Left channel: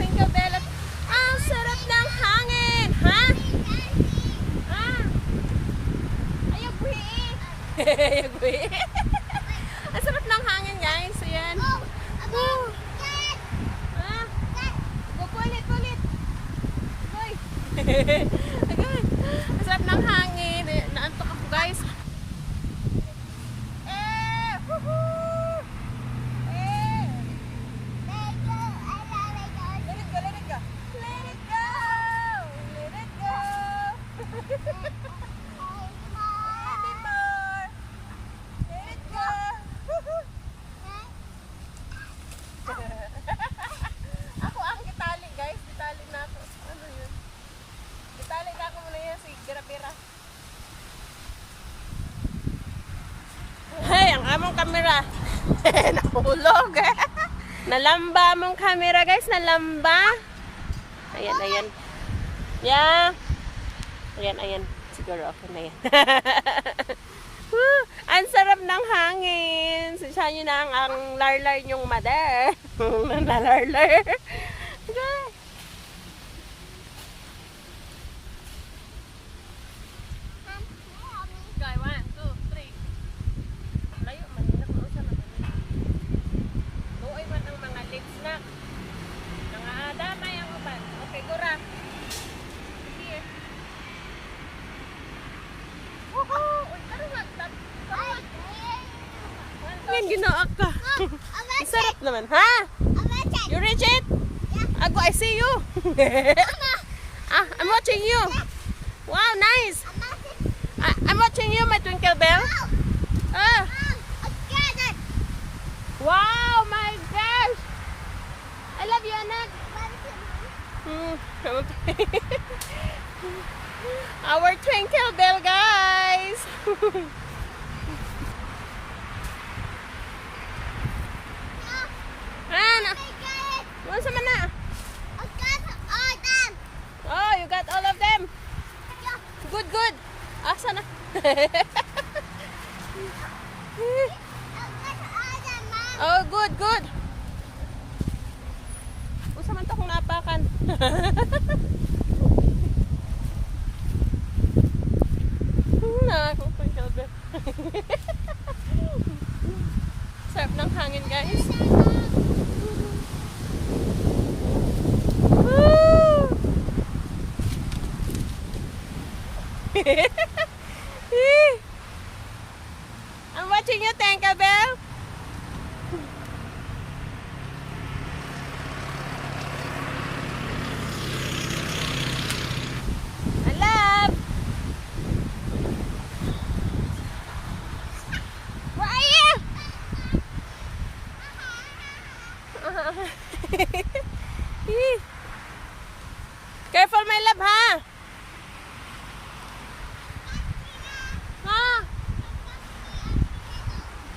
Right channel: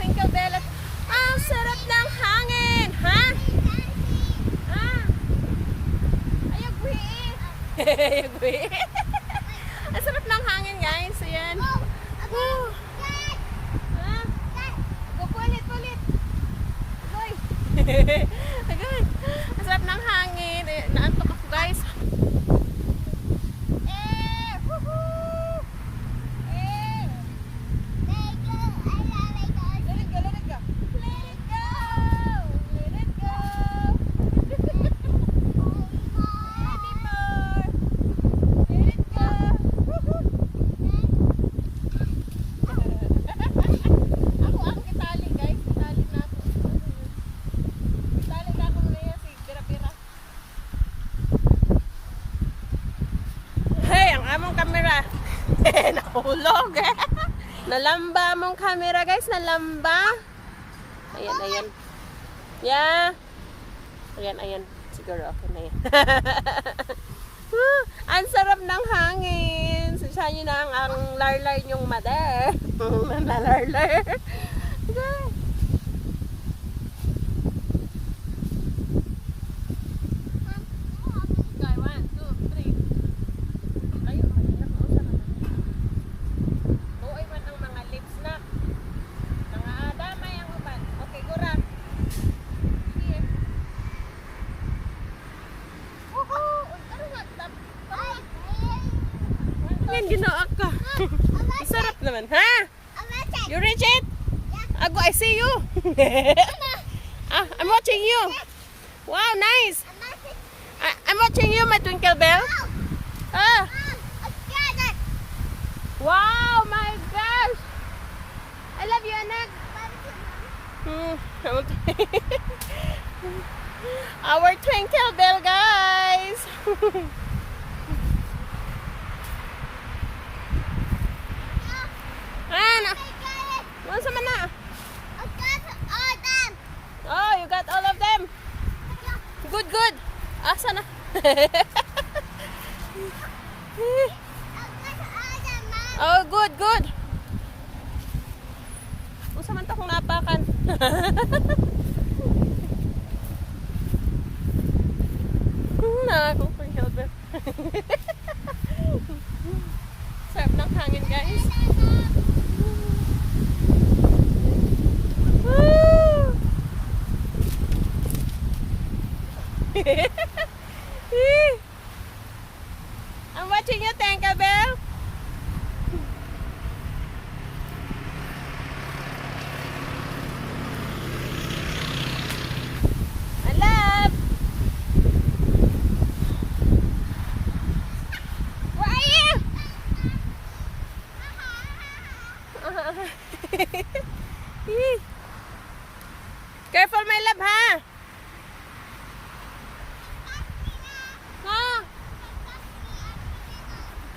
Twinkle Bell. At ang sarap ng hangin. Ha? Ah. Ayag buhi. Ayag buhi. Ang sarap ng hangin, guys. Ayan. Woo. Ah. Go, pulit. Agoy. Agoy. Ang sarap ng hangin. Naantok ako, guys. Among kamera. Nahulog. Nalamba among kamera, guys. Nalamba. Ayan. Yeah. Ayan. Siguro okay na yan. Ang sarap ng hangin. Sasya nyo na ang larlar nyong mother. Nalarlar. Okay. Ginawa ka. Sarap naman, ha? You reach it? Ago, I see you. I'm watching you. Wow, nice. I'm watching you, my Twinkle Bell. Wow, my gosh. I love you, anak. Our Twinkle Bell, guys. What's up na? I got all them. Oh, you got all of them? Good. Asa na? I got all them, Mom. Oh, good. Usa man ta kung napakan. Kung Twinkle Bell. Sarap ng hangin, guys. I'm watching you, Twinkle Bell. I love. Where are you? Careful, my love, ha?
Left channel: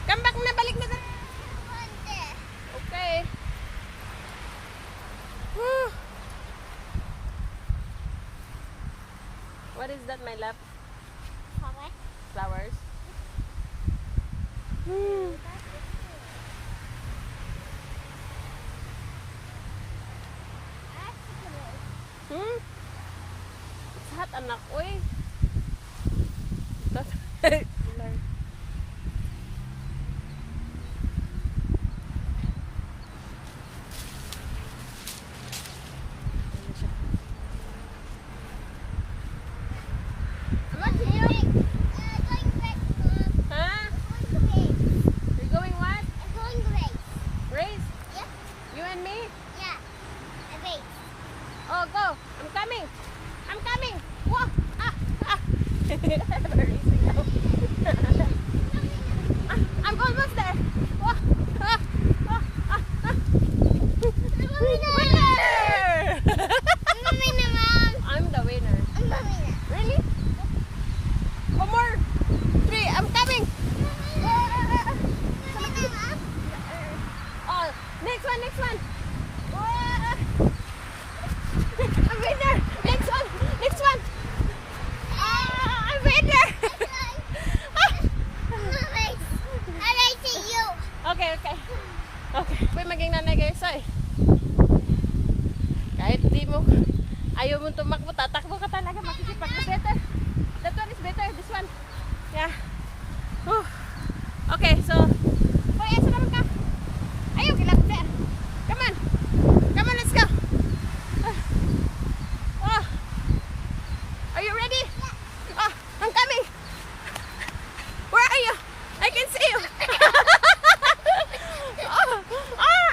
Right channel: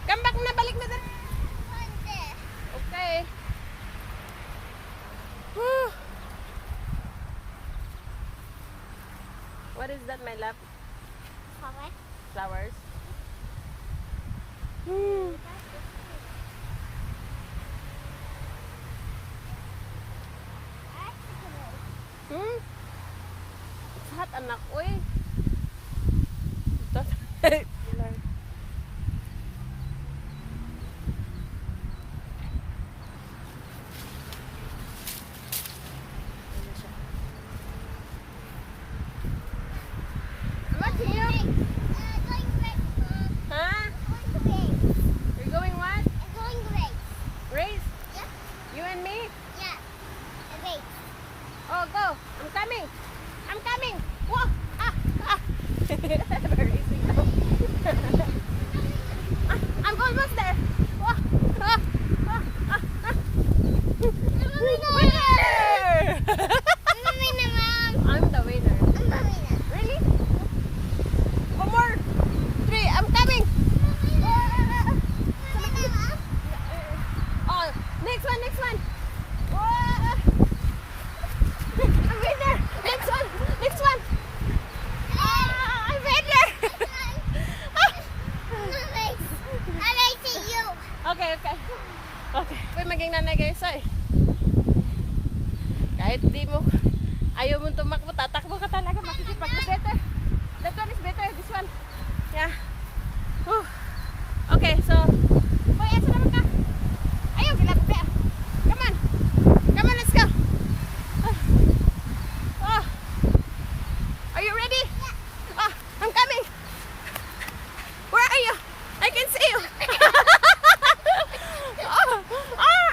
Come back na, balik na. Okay. What is that, my love? Flowers. It's hot, anak. Uy. Oh, go. I'm coming. Whoa. I'm almost there. Whoa. I'm the winner. Really? One more. 3. I'm coming. Oh, next one. I'm winner. Next one. I'm winner. Okay. Pwede maging nanay kayo, say. Kahit di mo, ayaw mo tumakbo, tatakbo ka talaga, makikipag. Better. That one is better, this one. Yeah. Whew. Okay, so, hoy, asa naman ka? Ayaw, kilapit na yan. Come on. Come on, let's go. Oh. Are you ready? Oh, I'm coming. Where are you? I can see you. Oh,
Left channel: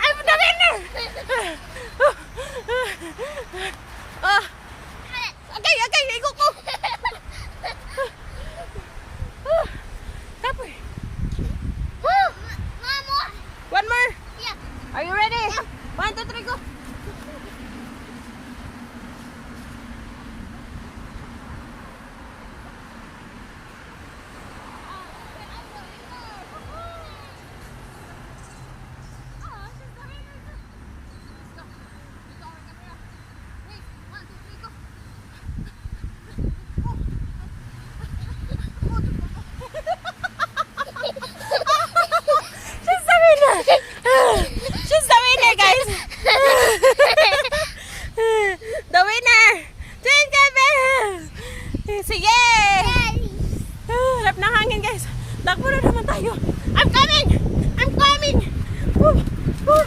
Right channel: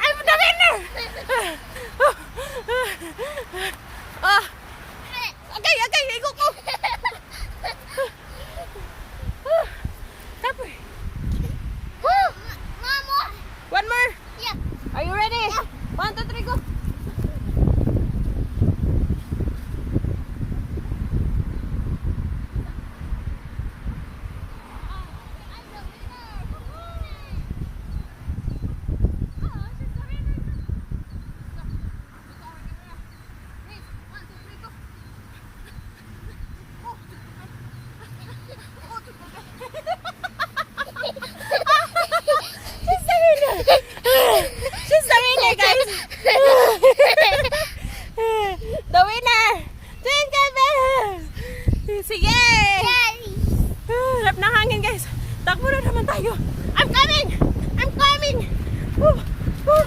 I'm the winner. Oh. Okay, igo ko. Tapos. Woo! Mama. One more. Yeah. Are you ready? 1, 2, 3, go. She's the winner. She's the winner, guys. The winner. Jingle bells. Sige. Harap ng hangin, guys. Takbo na naman tayo. I'm coming. I'm coming. Woo. Woo.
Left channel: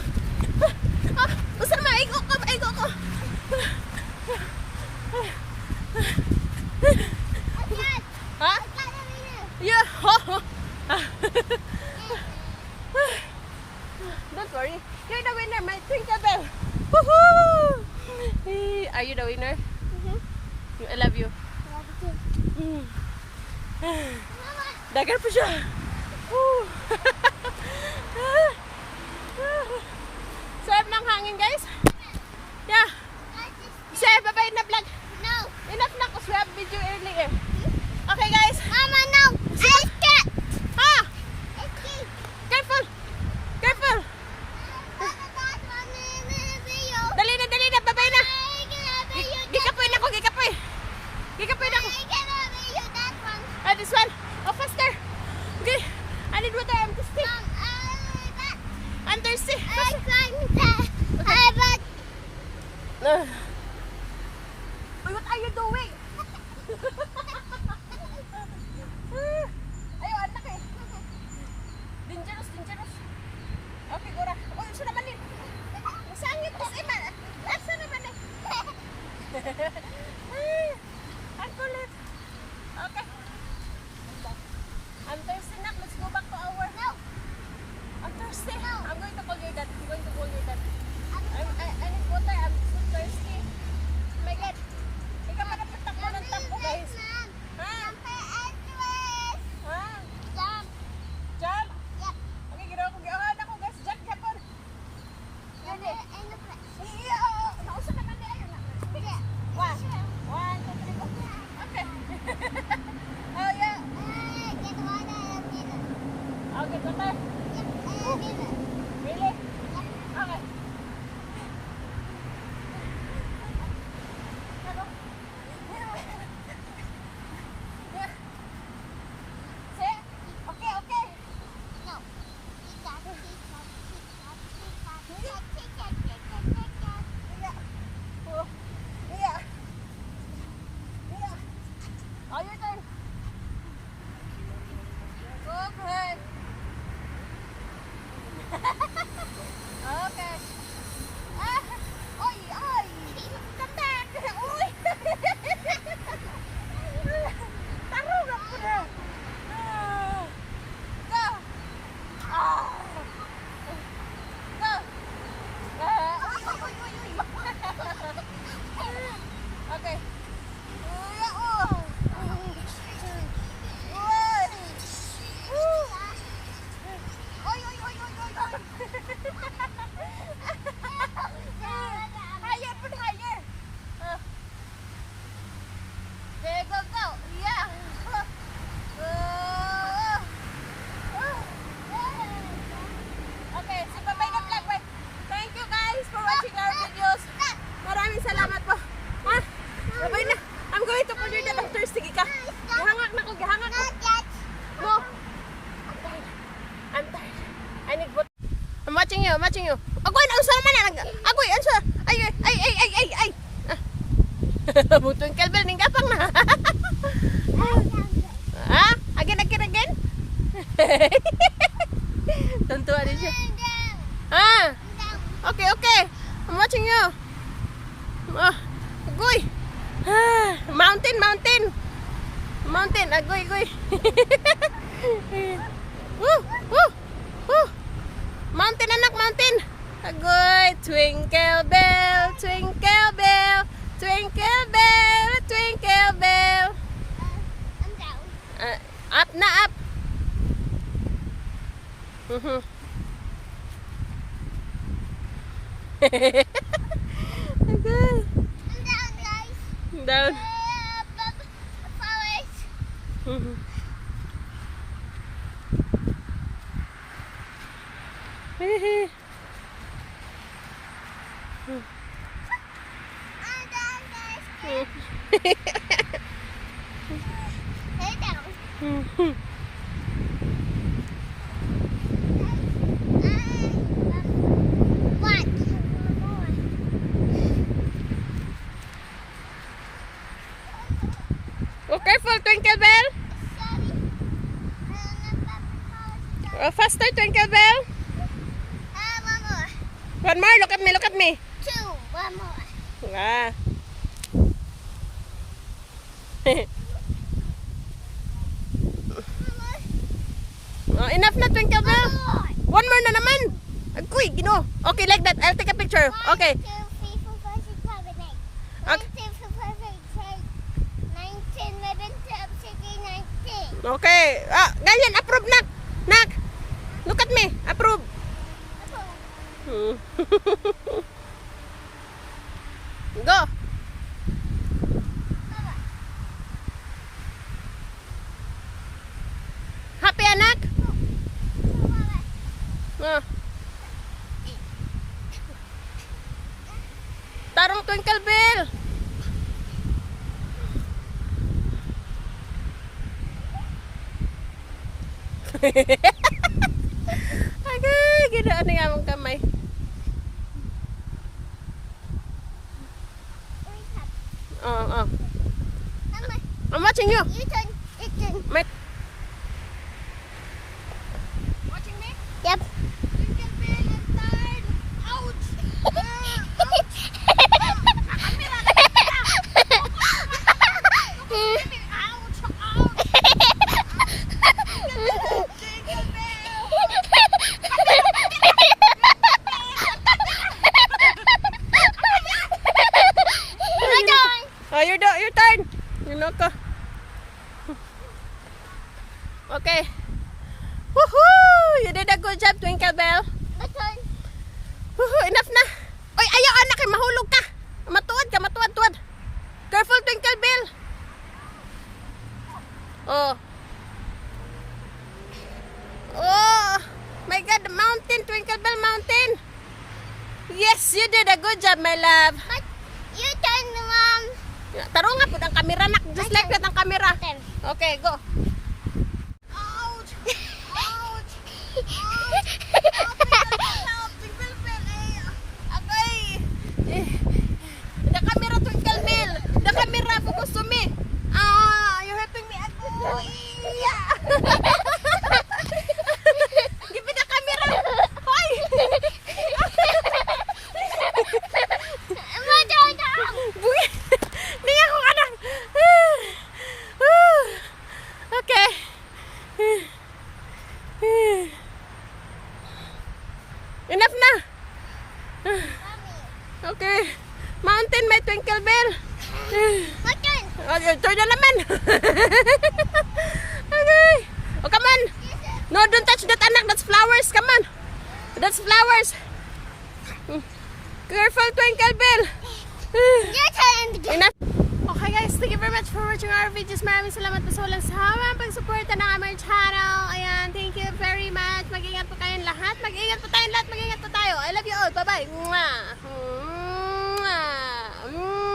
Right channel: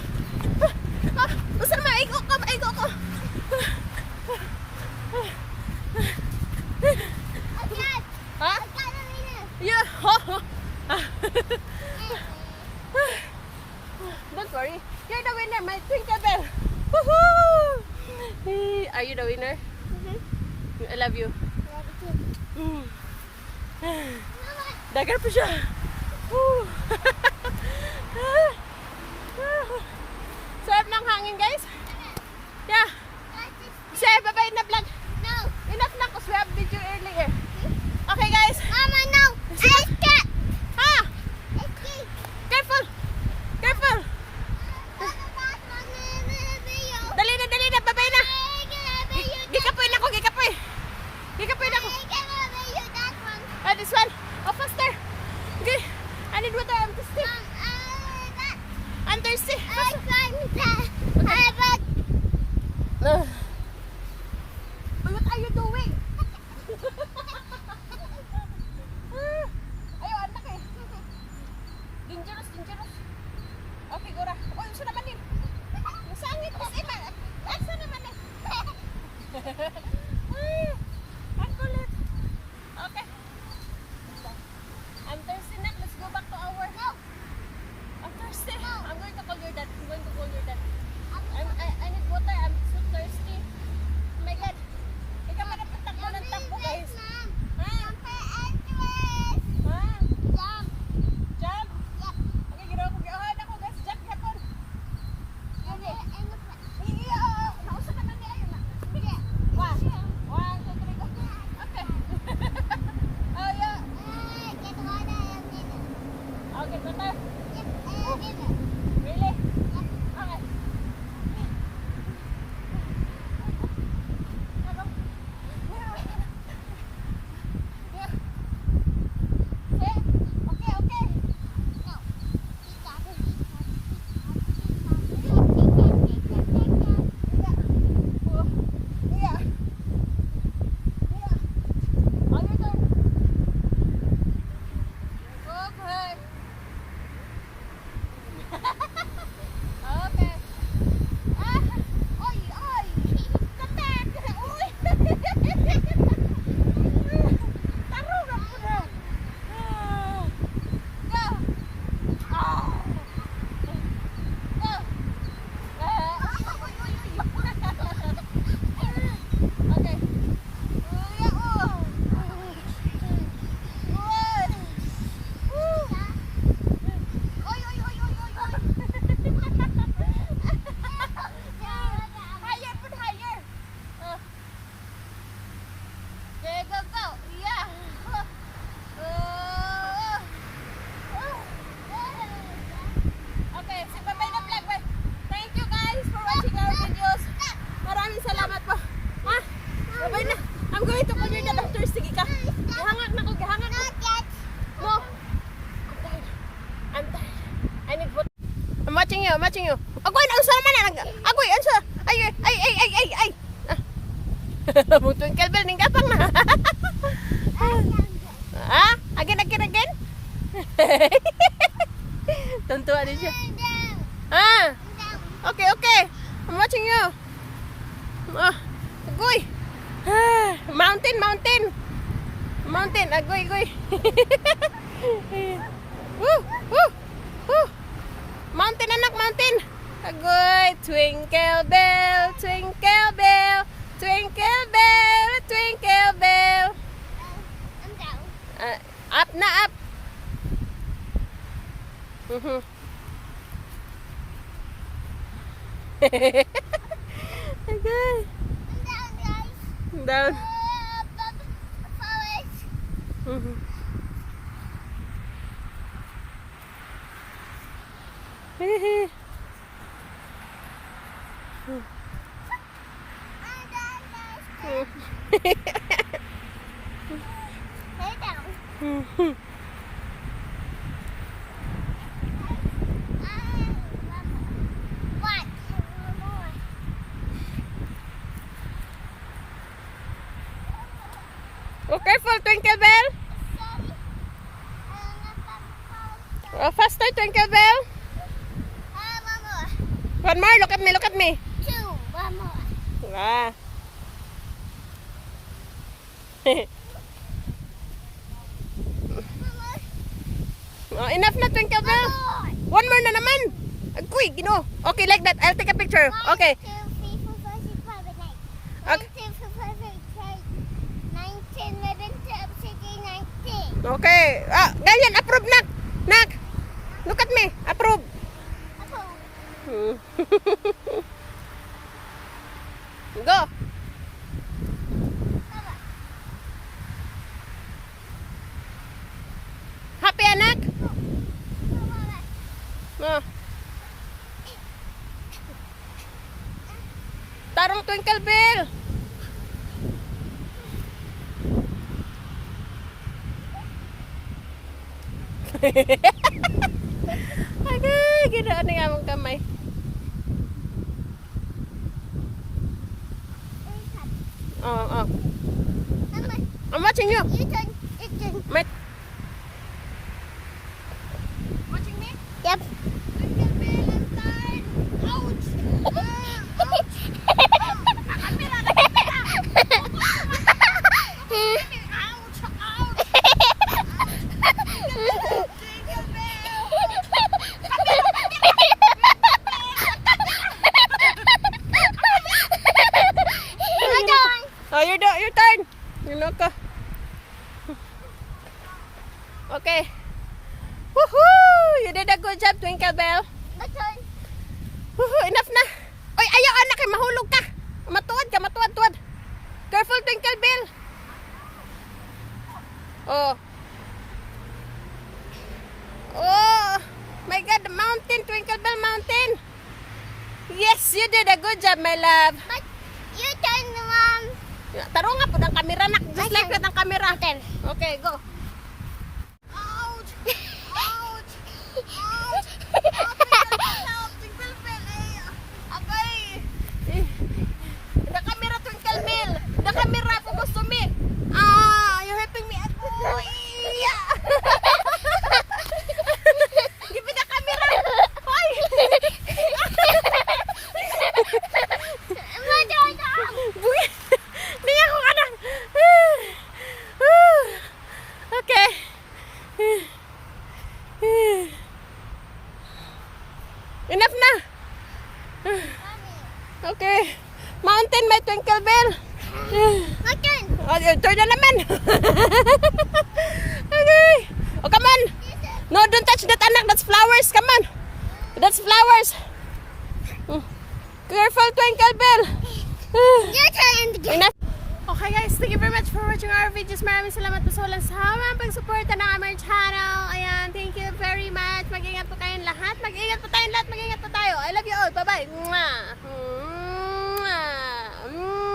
Ah, basta maigo ko, maigo ko. Ha? Yeah. Don't worry. You're the winner, my twinkle bell. Woohoo! Are you the winner? I love you. Dagar pa siya. Woo. Sarap ng hangin, guys. Yeah. Say bye-bye na vlog. No. Enough na kasi we have video earlier. Okay, guys. Mama, no. I can't. Ha! I can't. Careful! Careful! Dali na. Bye-bye na. Gikapoy na ako, gikapoy. Gikapoy na ako. Ah, this one. Oh, faster. Okay. I need water. I'm thirsty. I'm thirsty. What are you doing? Ayaw, anak eh. Dangerous. Okay, gora. Oh, isa naman din. Masangit ko sa iman. Asa naman eh. Ang kulit. Okay. I'm thirsty, Nak. Let's go back to our house. I'm thirsty. I'm going to call your dad. I need water. I'm so thirsty. Oh my God. Ikaw manapatakbo ng takbo, guys. Ha? Ha? Jump? Okay, ginawa ko. Giyahan ako, guys. Jump, yapon. Gani. Iya, nausap naman di ayo. Sige. 1, 2, 3, go. Okay. Oh, yeah. I'll get water. Really? Okay. Go. Say, okay. Yeah. Oh, your turn. Okay. Okay. Oy. Come back. Uy. Tarong ako na. Go. Go. Okay. Higher, put higher. There, go. Yeah. Okay, say bye-bye na vlog. Bye. Thank you guys for watching our videos. Maraming salamat po. Ha? Bye-bye na. I'm going to call your dad after. Sige ka. Gihangak na ko. No. I'm tired. I need water. I'm watching you. Agoy, ansa naman. Agoy, ansa. Ay, ay, ay, ay, ay, ay. Twinkle bell, ning gapang na. Ah, again. Tuntua din siya. Ah, okay. I'm watching you. Ah, agoy. Ah, mountain. Agoy. Mountain, anak, mountain. Agoy, twinkle bell. I'm down. Up na, up. Agoy. I'm down, guys. Down. Forest. I'm down, guys. Hey, down. What? One more. Oh, careful, twinkle bell. Sorry. Oh, faster, twinkle bell. One more. One more, look at me. Two. One more. Ah. One more. Oh, enough na, twinkle bell. One more na naman. Agoy, gino. Okay, like that. I'll take a picture. Okay. 1, 2, 3, 4, 5, 6, 7, 8. Okay. 1, 2, 3, 4, 5, 6, 9, 10, 11, 12, 13, 19. Okay. Ah, ganyan, approve nak. Nak. Look at me. Approve. Ako. Go. Baba. Happy anak? Baba. Ah. Tarong twinkle bell. Agay, ginaan nga mong kamay. Oh. Mama, I'm watching you. you turn. You turn. Mate. Watching me? Yep. Twinkle bell and turn. Ouch. Oh, your turn. You know ko. Okay. Woohoo! You did a good job, Twinkle Bell. My turn. Woohoo! Enough na. Oy, ayaw anak, eh, mahulog ka. Matuwad. Careful, Twinkle Bell. Oh. Oh, my God, the mountain, Twinkle Bell Mountain. Yes, you did a good job, my love. But you turn, Mom. Taro nga po ang camera, nak. Just like that ang camera. Turn. Okay, go. Ouch! Twinkle Bell, okay. The camera, Twinkle Bell. The camera, focus to me. You're helping me. Give me the camera. Hoy! My turn. Buya! Hindi ako ka na. Okay. Enough na. Mommy. Okay. Mountain, may Twinkle Bell. My turn. Okay, turn na naman. Okay. Oh, come on. No, don't touch that, anak. That's flowers. Come on. That's flowers. Careful, Twinkle Bell. Your turn. Enough. Okay guys, thank you very much for watching our videos. Maraming salamat po sa walang sawang pagsuporta ng aming channel. Ayan, thank you very much. Mag-ingat po kayong lahat. Mag-ingat po tayong lahat. Mag-ingat po tayo. I love you all. Bye-bye. Mwah. Mwah. Mwah.